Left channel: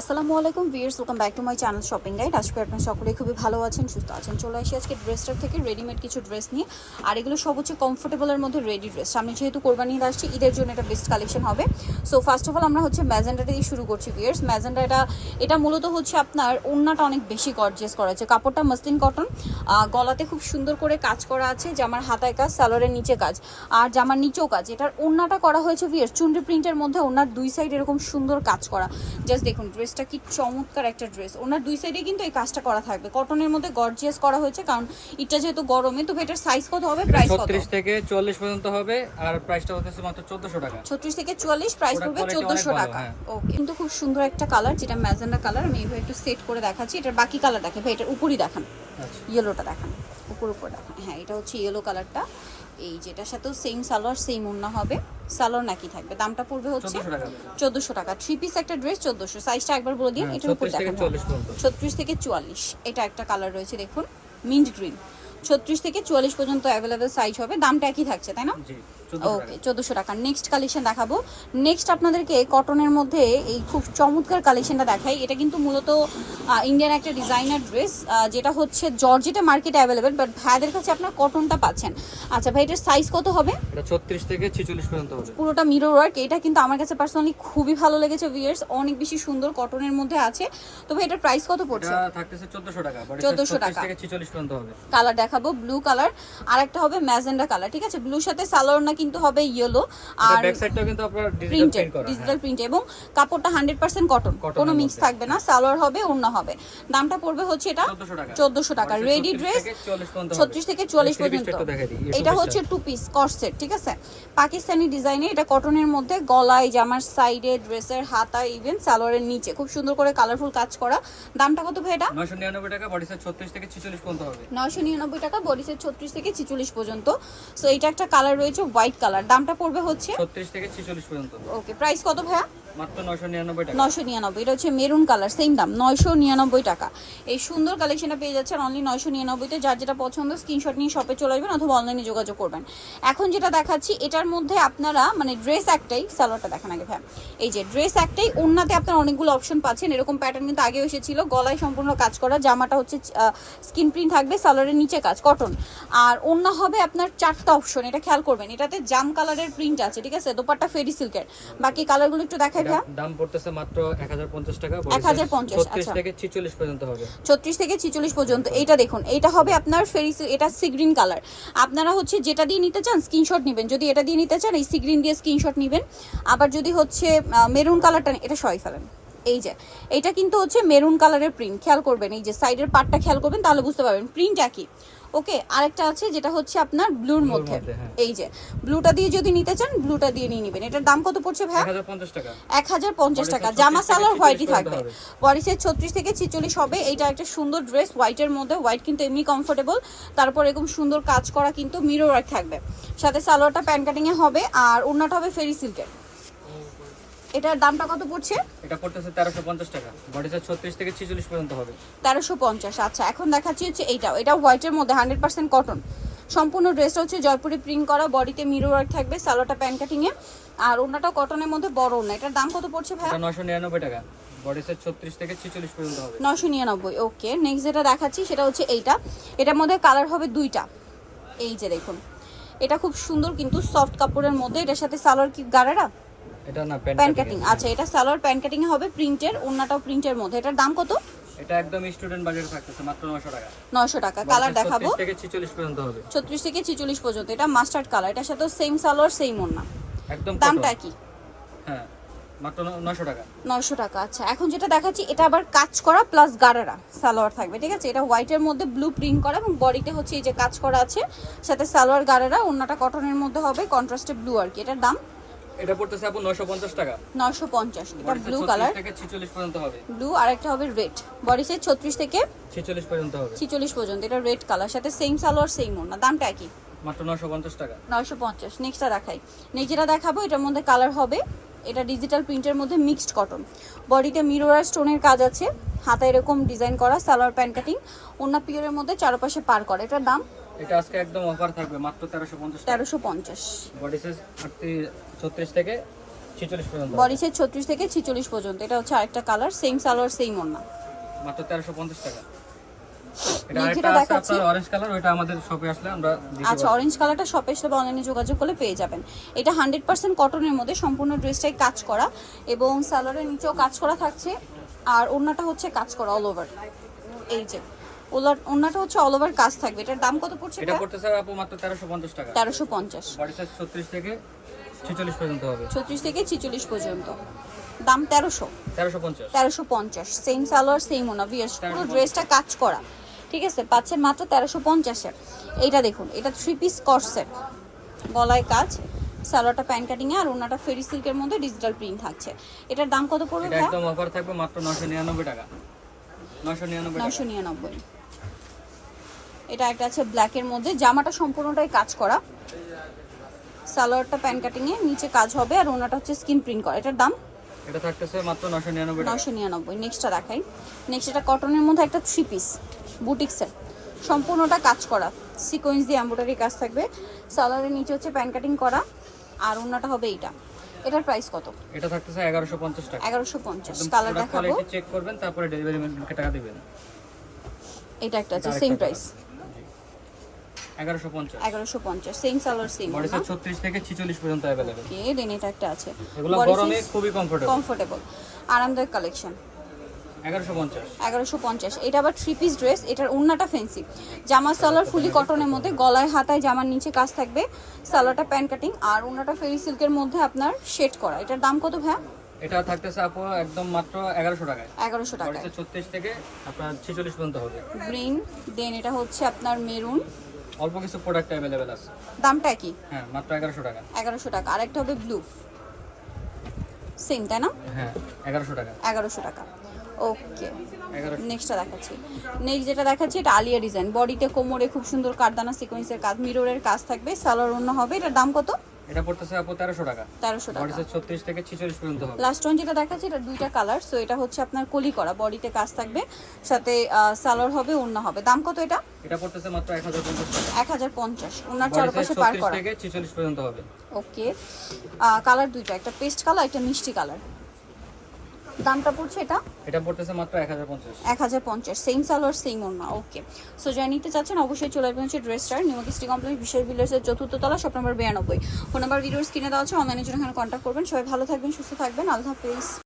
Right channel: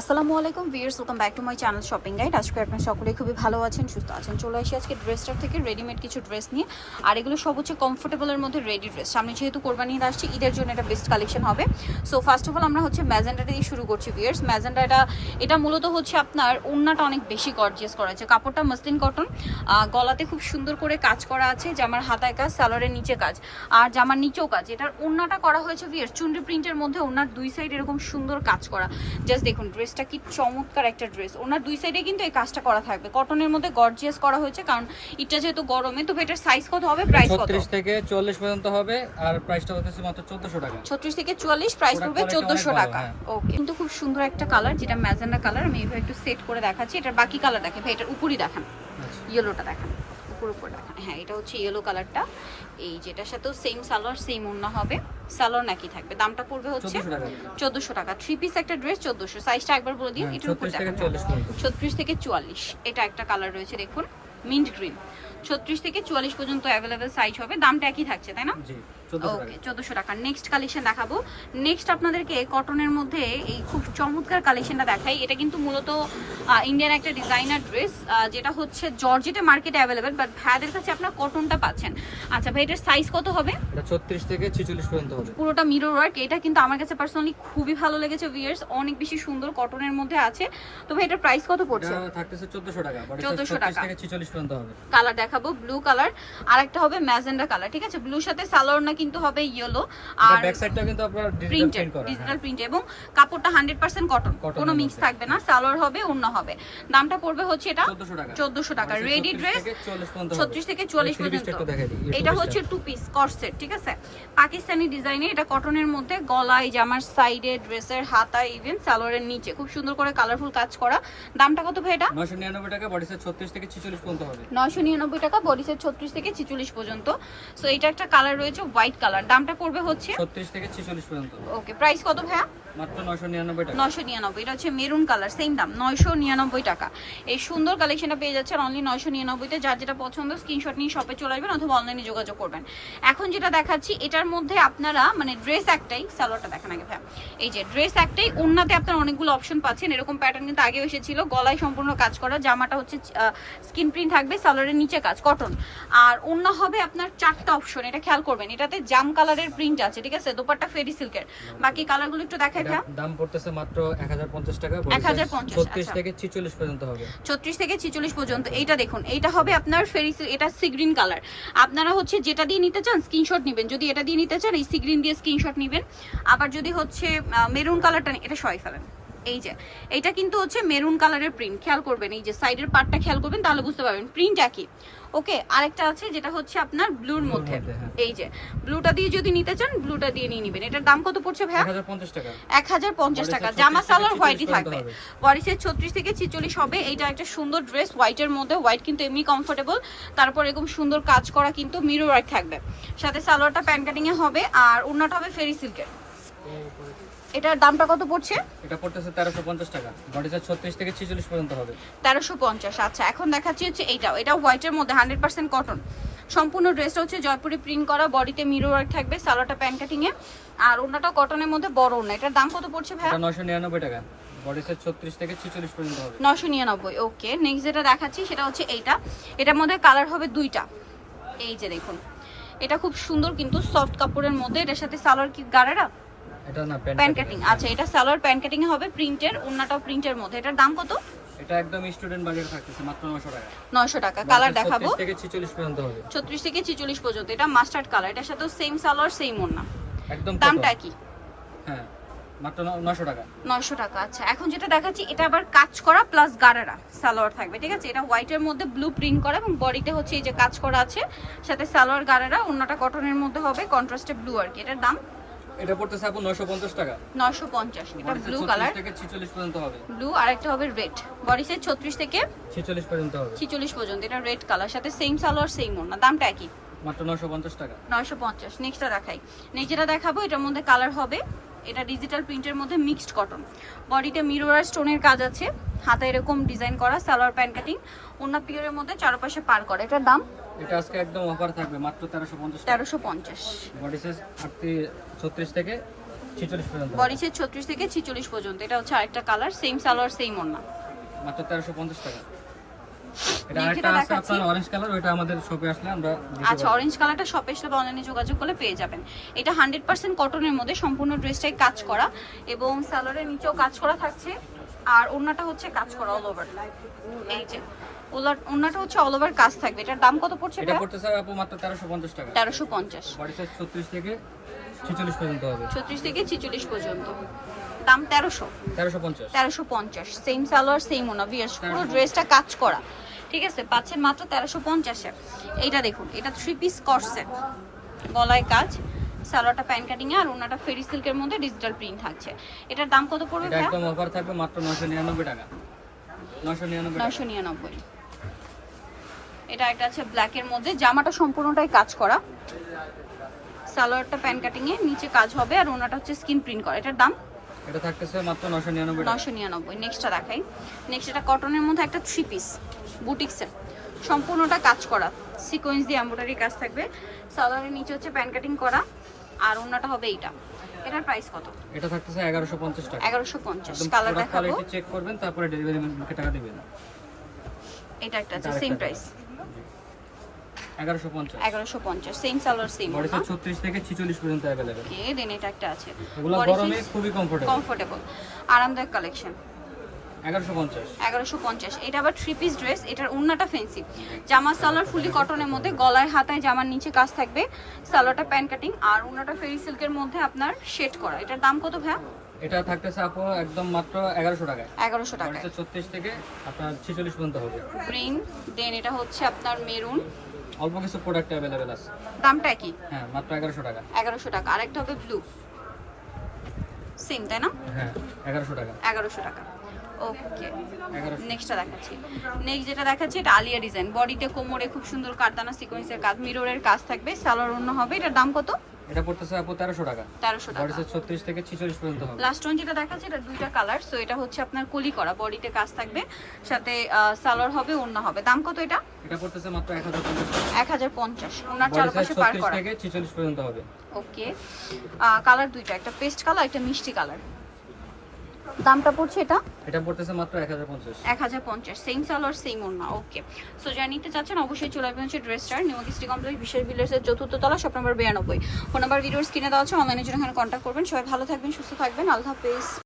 আসসালামু আলাইকুম viewers welcome back to my channel shopping guide আজকে আপনার সকলেই খুবই ভালো আছেন, সুস্থ আছেন। চলে আসি আজকে ড্রেসটার থেকে রেডিমেড কিছু ড্রেস নিয়ে। আর এগুলো সব হচ্ছে কমফোর্টেবলের মধ্যে রেডি ড্রেস সামনে যেহেতু কোরবানি ঈদ আসছে, ঈদের জন্য এটা বেস্ট কালেকশন হবে। সো ফার্স্ট অফ অল আমরা হচ্ছে ম্যাজেন্ডাটা দিয়ে শুরু করছি ভিয়ার্স ম্যাজেন্ডাটা এটা মূলত হচ্ছে আপনার ওড়নাটা অনেক বেশি গর্জিয়াস করা আছে। কাপড়টা মসলিন কটন গলাতে খুব সুন্দর করে কাজ করা আছে, জামার হাতায় কাজ সালোয়ারের নিচে কাজ। আর জামার নিচেও কাজ। এটার ওড়নাটা করা হয়েছে ভিয়ার্স চুন্ডি প্রিন্টের মধ্যে ওড়নার দুই সাইড এরকম সুন্দর কাজ করা। জাস্ট দেখুন ড্রেসটা কি চমৎকার একটা ড্রেস। ওনার দুই সাইডে কিন্তু এই কাজটা করা থাকবে। কটনের মধ্যে গর্জিয়াস করা হয়েছে কারণ এটা যেহেতু গরমে তো এটার সাইজ কত হবে? প্রাইস কত? ছত্রিশ থেকে চল্লিশ পর্যন্ত হবে আর প্রাইসটা হচ্ছে মাত্র চোদ্দশো টাকা। ছত্রিশ থেকে চুয়াল্লিশ প্রাইস ওটার পড়বে quality চোদ্দশো টাকা। হ্যাঁ। ওকে কিন্তু খুব সুন্দর একটা কালার যেটা ম্যাজেন্ডা কালার আমি এভাবে একটু সেট করে দেখাচ্ছি। এটার বাকি কালার দেখেন ভাই এটার উপরই দেখান। আচ্ছা। ইয়েলোটা দেখান উপর উপর দেখান। হ্যাঁ এটা হচ্ছে ইয়েলো কালারটা এই যেটার সাথেও সেম সালোয়ার সেম উন্না হবে। সালোয়ার নাকি থাকবে। দামটা পড়বে হচ্ছে চোদ্দশো টাকা। থ্রি পিস একটা ড্রেস চোদ্দশো। সাইজটা একবার বলে দিন হ্যাঁ, এটার উপর 36 থেকে দেখান 40 পর্যন্ত। ছত্রিশ থেকে চুয়াল্লিশ। এটা একটা কালার রয়েছে দেখুন মিন্ট গ্রিন ছত্রিশ থেকে চুয়াল্লিশ পর্যন্ত অ্যাভেলেবেল সাইজ হবে। দামটা একই থাকছে তাই না? ওকে চোদ্দোশো টাকা। নেক্সট কালেকশন দেখাবো। নেক্সট আপনাদেরকে কটনের মধ্যে এই খুব চমৎকার কালেকশনটা দেখাই। এটা কিন্তু মূলত ইন্ডিয়ান একটা ডিজাইনার ড্রেস যেটা হচ্ছে জর্জেটে মার্কেটে অ্যাভেলেবেল বাট ভাইয়াদের কাছে আপনার কটনটা পাচ্ছেন। আচ্ছা ভাই এটার সাইজ কত হবে? এটা ছত্রিশ থেকে ছিচল্লিশ পর্যন্ত হবে। পুরোটা মিরর ওয়ার্ক এটা কিন্তু আমার কাছে পার্সোনালি খুবই ভালো লেগেছে ভিয়ার্স অনেক বেশি সুন্দর কটনের মধ্যে আছে। তো ভাই এটার প্রাইস কত পড়ছে? থাকতেছে চোদ্দশো টাকা বডি 1400 টাকা। থেকে ছিচল্লিশ পর্যন্ত হবে। কালার দেখাবো ব্লু কালার আর একটা হবে ম্যাজেন্ডা কালার ঠিক আছে? ব্লুর সাথে সালোয়ার না কিন্তু হবে ইয়েলো আর ব্যাক সাইডটা কিন্তু আপনার ডিজিটাল প্রিন্টেড। ডিজিটাল প্রিন্ট এবং কাপড়টা হান্ড্রেড পার্সেন্ট কটন কোনো মিক্স থাকবে না সালোয়ার হবে অন্য হবে। দামটা পড়বে হচ্ছে এটা চোদ্দশো টাকা। রেডি 36 ড্রেস থেকে 44 পর্যন্ত এটা হচ্ছে টু পিস কর্সেট ঠিক আছে? পাকিস্তানি ডিজাইনে এটা কটনের মধ্যে গলায় জামার সাইডে ড্রেসের হাতা ইভেন সালোয়ারের নিচে। খুব সুন্দর করে কালারফুল কাজ করা। দামটা কত ভাই এটা? 999 টাকা বডি সাইজ 36 থেকে 46 পর্যন্ত হবে। নয়শো নিরানব্বই টাকা বডি সেট ছত্রিশ থেকে ছিচল্লিশ পর্যন্ত। সো এটা একটা কালার রয়েছে হোয়াইট কালার। দামটা পড়বে হচ্ছে? 36 থেকে 46 পর্যন্ত। ওকে প্রাইস কত ভাইয়া? মাত্র 999 টাকা নয়শো নিরানব্বই এটা হচ্ছে মেরুন কালার সেম দাম, নয়শো নিরানব্বই টাকা। এই সুন্দর পেয়ে অনলি নয়শো নিরানব্বইতে। যার যেটা পছন্দ নিয়ে শপে চলে আসবেন অথবা অনলাইনে যোগাযোগ করবেন। এখন যেটা দেখাচ্ছি, এটার মধ্যে আপনারা মানে ড্রেস একটাই, সালোয়ারটা দেখান আগে এই যে ড্রেস একটাই অনেকগুলো অপশন পাচ্ছেন। এরকম প্যাটার্ন কিন্তু আগে এসেছিল, গলায় সম্পূর্ণ কাজ করা, জামাটা হচ্ছে স্কিন প্রিন্ট থাকবে, সালোয়ারের নিচে কাজ কটন আর ওড়না হবে আপনার চারটা অপশন এটা খেয়াল করবেন। এটাতে জাম কালারের প্রিন্ট আছে, ঠিক আছে? দোপাট্টা ফেরি সিল্কের বাকি কালারগুলো একটু দেখাই ভাই দাম পড়তেছে মাত্র 1050 টাকা বডি 1050 36 আচ্ছা। থেকে 46 পর্যন্ত হবে। ছত্রিশ থেকে ছিচল্লিশ পর্যন্ত এইটা দেখুন এইটা হবে আপনার ফেরি এটা সিগ্রিন কালার আপনারা হচ্ছে যেটা দিয়ে নিতে চান স্ক্রিনশট নেবেন। যদি এটা দিয়ে নিতে চান এই সিগ্রিন দিয়ে স্ক্রিনশট নেবেন। আবার যদি হচ্ছে মেরুন কালারটা এটা সরাই ফেলেন। এই যে এটা কিন্তু হচ্ছে মেরুন কালারের প্রিন্ট খেয়াল করবেন এই যে সাইডের পার্টটা খেয়াল করবেন তাহলে বুঝতে পারবেন। প্রিন্ট একই। ওকে আরেকটা আছে যেটা হচ্ছে আপনার ব্লুর মধ্যে। হ্যাঁ। এই যে ব্লুটা দিয়ে যদি নিতে চান ব্লুটা দিয়ে নিয়ে নেবেন। এটার দাম কত পড়ছে ভাইয়া? 1050 টাকা। এক হাজার পঞ্চাশ টাকা। জামা 36 সালোয়ার হোয়াইটই থাকবে। বডি ছত্রিশ থেকে ছিচল্লিশ হবে। এইটা একটা সুন্দর ড্রেস হোয়াইটের মধ্যে। হোয়াইট কিন্তু এমনি কমফোর্টেবল তারপর এরকম সুন্দর কাজ করা কিন্তু মিরো ওয়ার্ক থাকবে। সাথে সালোয়ারটা প্যান্ট কাটিং এ হবে। আর ওড়নাটা হবে ফেরি সিল্কের এটার দামটা কত পড়ছে? এটা পড়তেছে 1350 টাকা। বডি সাইজ 36 থেকে 46 পর্যন্ত হবে। তেরোশো পঞ্চাশ আচ্ছা এখন দেখাচ্ছি হচ্ছে এইটাও। এটা হোয়াইটের মধ্যে হান্ড্রেড পার্সেন্ট কটন সম্পূর্ণ ড্রেসটা হচ্ছে জয়পুরি প্রিন্ট করা বডিতে মিরো ওয়ার্ক থাকবে সালোয়ারটা প্যান্ট কাটিং এ। আর ওড়নাটা কটনের মধ্যে বড় ওড়না। এটার দাম কত পড়ছে ভাই এটা 999 টাকা। বডি সাইজ 36 থেকে 46 পর্যন্ত হবে। নশো নিরানব্বই ওকে নেক্সট যেটা দেখাচ্ছি সেটা হচ্ছে এইটা। এটার মধ্যে কালার হবে দুইটা। এই যে দেখুন। এটা খুব সুন্দর কিন্তু সফট কাপড়ের মধ্যে। এটার সাথে সালোয়ার কি গাড়ারা? এটা না প্যান্ট প্যান্ট কাটিং। আচ্ছা এটা সালোয়ার প্যান্ট কাটিং হবে প্রিন্টের প্রিন্টের মধ্যে। এটার দাম কত? এটা একদম স্টুডেন্ট বাজেট থাকতেছে মাত্র 900 টাকা। কালার Body দেখাবো। 36 থেকে 46 পর্যন্ত হবে। ছত্রিশ থেকে ছিচল্লিশ পর্যন্ত। এটা মাস্টার্ড কালার। এটার সাথে সেম সালোয়ার সেম ওড়না একদম দামটা কি? হ্যাঁ মাত্র 900 টাকা। আচ্ছা এখন যেটা দেখাচ্ছি এটা আবার কাজ করা প্লাস গাড়ারা সালোয়ার থাকবে ঠিক আছে? এটা হোয়াইটের মধ্যে ব্লু প্রিন্ট করা এবং বডিতে হচ্ছে এই যে কাজ করা আছে সাথে সালোয়ার গাড়ারা অন্যটা কটনের মধ্যে হবে কন্ট্রাস্টে ব্লু আর কি। এটার দাম? এটা পড়তেছে আপু 950 টাকা। নয়শো পঞ্চাশ এটা ব্লু কালার থেকে 46 পর্যন্ত হবে। ব্লু আর একটা হবে রেড বডি সাইজ ছত্রিশ থেকে 46 পর্যন্ত হবে। ছিচল্লিশ পর্যন্ত এটা রেড কালার সাথে সেম সালোয়ার সেম ওড়না দামটা একই। মাত্র 950 টাকা। নয়শো পঞ্চাশ নেক্সটটা দেখাই। নেক্সট যেটা দেখাবো এটার মধ্যে কালার হবে। এটা ডিজিটাল প্রিন্টের মধ্যে মিক্সড কটন বডিতে মিরর স্টোনের কাজ আছে। হাতে এরকম ডিজাইন করা সালোয়ার প্যান্ট কাটিং অন্য পিওরের মধ্যে চারপাশে পার করা। এটার দাম? এটা আজকে একদম অফার থাকবে মাত্র 1350 টাকা। তেরোশো পঞ্চাশ। বডি সাইজ 36 থেকে ছিচল্লিশ পর্যন্ত বডি সাইজ ছত্রিশ থেকে ছিচল্লিশ পর্যন্ত। এটা হচ্ছে আরেকটা কালার সেম সালোয়ার সেম ওড়না। মাত্র তেরোশো পঞ্চাশ টাকা। এটা Next আরেকটা যেটা আছে আপনার অরেঞ্জ কালার ওইটা আমাদের শপে আসলে আমরা আচ্ছা অরেঞ্জ কালারটা শপে অনলাইনে যোগাযোগ করলে পেয়ে যাবেন। এটা হান্ড্রেড পার্সেন্ট কটনের মধ্যে সম্পূর্ণ ড্রেসটাই কাজ করা এবং নিচেও কাজ করা থাকছে। আর ওড়নাটা হচ্ছে কাজ করা অল ওভার এই যে হচ্ছে অল ওভার কাজ থাকবে। এটার দাম কত পড়ছে এটা আপু মাত্র টাকা। বডি সাইজ ছত্রিশ থেকে ছিচল্লিশ পর্যন্ত হবে। ছত্রিশ থেকে ছিচল্লিশ পর্যন্ত। দাম তেরোশো। তেরোশো পঞ্চাশ। তেরোশো পঞ্চাশ। সেম সালোয়ার সেম ওনা বিয়ার্স পুরো ড্রেসটা কাজ করা। ঠিক আছে? পাচ্ছেন মাত্র তেরোশো পঞ্চাশে। এইটা দেখুন এটা থ্রি পিস কর্সেট গলায় কাজ সালোয়ারটা প্যান কাটিং আর ওনাটা ফেরি সিল্কের মধ্যে ডিজিটাল প্রিন্ট থাকছে। এটার দাম কত পড়বে এটা একদম অফার থাকবে মাত্র নশো নিরানব্বই টাকা। নশো নিরানব্বই টাকা। নশো নিরানব্বই। এটা একটা আছে ব্ল্যাকের মধ্যে। জামাটা সম্পূর্ণটাই কাজ করা। সালোয়ারটা প্যান কাটিং এ নিচে কাজ হবে আর ওনাটা হচ্ছে স্কিন প্রিন্ট করা। এটার দাম? এটা থাকতেছে মাত্র নশো নিরানব্বই টাকা। নশো নিরানব্বই। নেক্সটটা দেখাই। নেক্সট এটা কটনের মধ্যে একটা থ্রি পিস বুটিক্সের সম্পূর্ণটা কাজ করা। সিকোয়েন্স দিয়ে এম্ব্রয়ডারি কাজ থাকবে। সালোয়ারের নিচে হচ্ছে প্যান কাটিং করা। আর ওনাটা হবে এইটা। এটার প্রাইস কত? এটা থাকতেছে এগারোশো পঞ্চাশ টাকা। এগারোশো পঞ্চাশ। একদম কালার দেখাবো। চেক করবেন তারপরে ডেলিভারি ম্যানকে টাকা দিবেন। এটা একটা আছে সেম প্রাইস এগারোশো পঞ্চাশ। এগারোশো পঞ্চাশ same salwar same body size ছত্রিশ থেকে ছিচল্লিশ পর্যন্ত অ্যাভেলেবেল ওকে দেন এটা একটা আছে। এগুলো গরমে খুবই কমফোর্টেবল কমফোর্টেবল আরামদায়ক কালেকশন এগারোশো পঞ্চাশ। এটা আবার থ্রি পিস ড্রেস এটার উন্নাটা ফেন্সি জামা সালোয়ার ফুলি কটনের মধ্যে গলায় হাতায় জামার নিচে কাজ থাকবে। সালোয়ারটা প্যান কাটিং আর উন্নাটা ফেরি সিল্কের মধ্যে আপনার শেড করা। এটার দাম কত ভাইয়া? এটা থাকতেছে আপু একদম মাত্র এগারোশো টাকায়। এগারোশো বডি টাকায়। সাইজ ছত্রিশ থেকে আপনার ছিচল্লিশ পর্যন্ত হবে। গ্রিন দেন এটা হচ্ছে আপনার মেরুন অল্প কিছু প্রোডাক্ট অ্যাভেলেবেল আছে। দামটা কি? হ্যাঁ মাত্র টাকা। এগারোশো টাকা। আরেকটা হবে ব্লু সেম তাই না? হ্যাঁ এগারোশো টাকা। এগারোশো টাকা। ওকে নেক্সটটা দেখাচ্ছি। নেক্সট যেটা দেখাচ্ছি এটা আলিয়া ডিজাইন বডিতে কোমরে খুব সুন্দর কারদানা সিকোয়েন্সের কাজ মিররের কাজ থাকবে। সালোয়ার অন্য হবে এটার দাম কত? এটা পড়তেছে আপু তেরোশো টাকা। তেরোশো বডি টাকা সাইজ ছত্রিশ থেকে ছিচল্লিশ পর্যন্ত হবে। লাস্ট ওয়ান যেটা দেখাচ্ছে এটা দুইটা কালার সো এটা হচ্ছে আপনার কলি করা বডিতে কাজ থাকবে সাথে সালোয়ার হবে অন্য হবে। দাম কত এটা? এটা পড়তেছে মাত্র এক হাজার পঞ্চাশ টাকা। এক হাজার পঞ্চাশ। ওনার চারপাশে পার করা। থেকে ছিচল্লিশ পর্যন্ত হবে। ওকে কালার দুইটা একটা পেস্ট কালার একটা মিষ্টি কালার দামটা পড়ছে এটা? এটা পড়তেছে মাত্র এক হাজার পঞ্চাশ। এক হাজার পঞ্চাশ সেম সালোয়ার সেম ওড়না ওকে সো যা নিতে চাচ্ছেন অবশ্যই চলে আসবেন হচ্ছে ড্রেসটার নিউকিস্টি কমপ্লেক্স বিশেষ এর চতুর্থ তলা শপ নম্বর বিরানব্বই। ফোন নাম্বার ভিডিওর স্ক্রিনে দেওয়া আছে অনলাইনে জন্য এখানে কন্ট্যাক্ট করবেন। সবাই ভালো থাকবেন সুস্থ থাকবেন। আল্লাহ হাফেজ।